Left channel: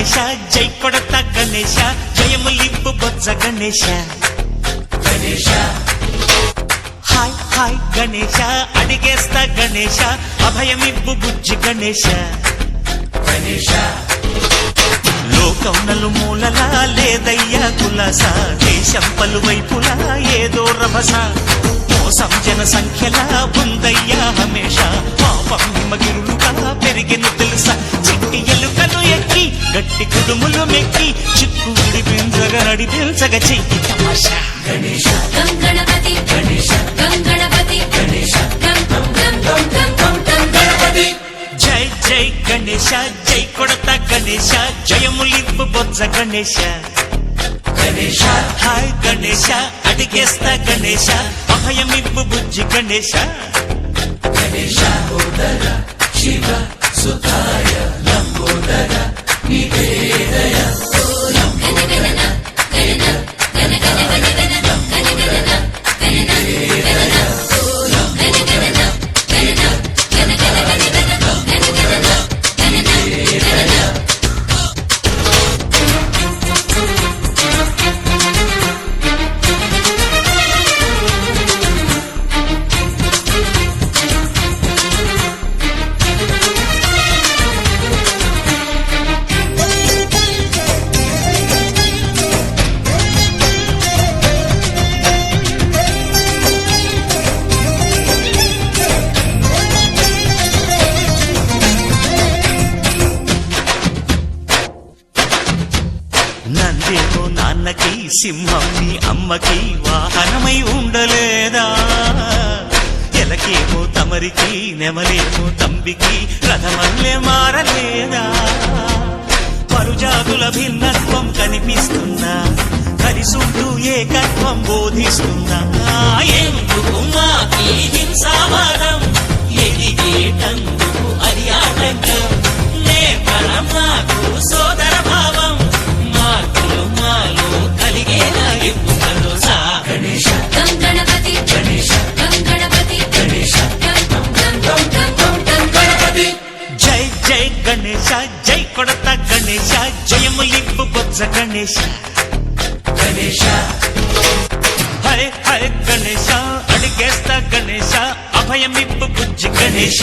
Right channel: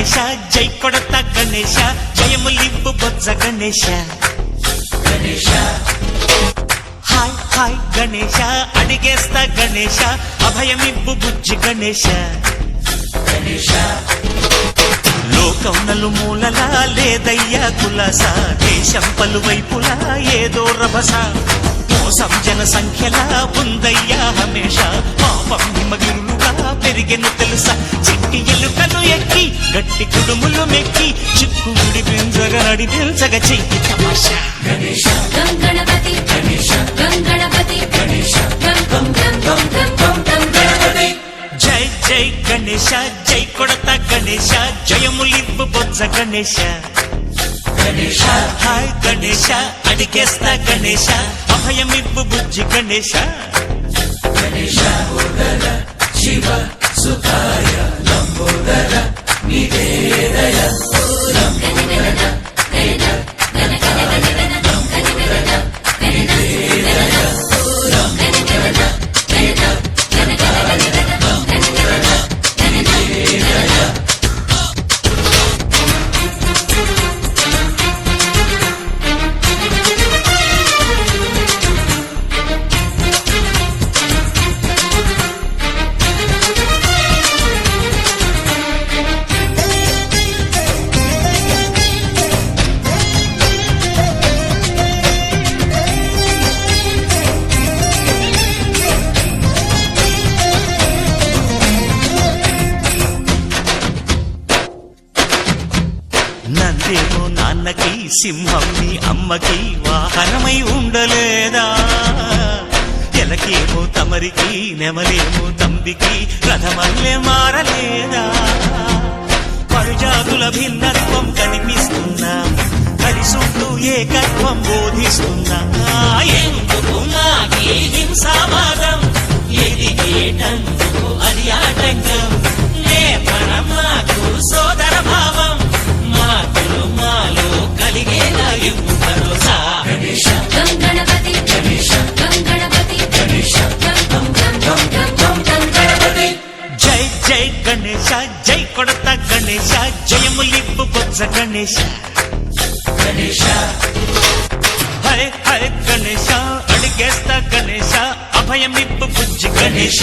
గణేశ జై కొడత గణేశ జయములింపు బొజ్జ Ganesha hi hi Ganesha అడిగేస్తా Ganesha అభయమిబ్బు బుజ్జి గణేశ లోకం నలుమూలలా లేదయ్యా కులాస దేశం పలువైపులా ఏదో రభస మోసం జన సంఖ్యలా ఉందయ్యా హమేష పాపం హిమగిరులుగా పెరిగెను తెలుసా చిట్టి ఎలుకలు ఎక్కి గట్టి కుడుములు మెక్కి చిక్కు విడిపించగా నడిపించగ చెయ్యి తమాషా గణపతి గణపతి జై జై గణేశ జై కొడత గణేశ జయములింపు బొజ్జ గణేశ హాయ్ గణేశ అడిగేస్తా గణేశ అభయమిబ్బు బుజ్జి గణేశ శివ సుఖాయ లంబోదర నందేమో నాన్నకి సింహం నీ అమ్మకి వాహనమై ఉండలేదా ఎలకేమో తమరికి నెమలేమో తంబికి రథమల్లే మారలేదా పరుజాతుల భిన్నత్వం కనిపిస్తున్నా కలిసుంటూ ఏకత్వం బోధిస్తున్నా ఎందుకు మాకి హింసావాదం ఎదిగేటందుకు అది ఆటంకం నేపరం మాకు సోదర భావం మార్పులు మాలో కలిగేలా భరోసా గణపతి గణపతి జై జై గణేశ జై కొడత గణేశ జయములింపు బొజ్జ గణేశ హరే హరే గణేశ అడిగేస్తా గణేశ అభయమిప్పు బుజ్జి గణేశ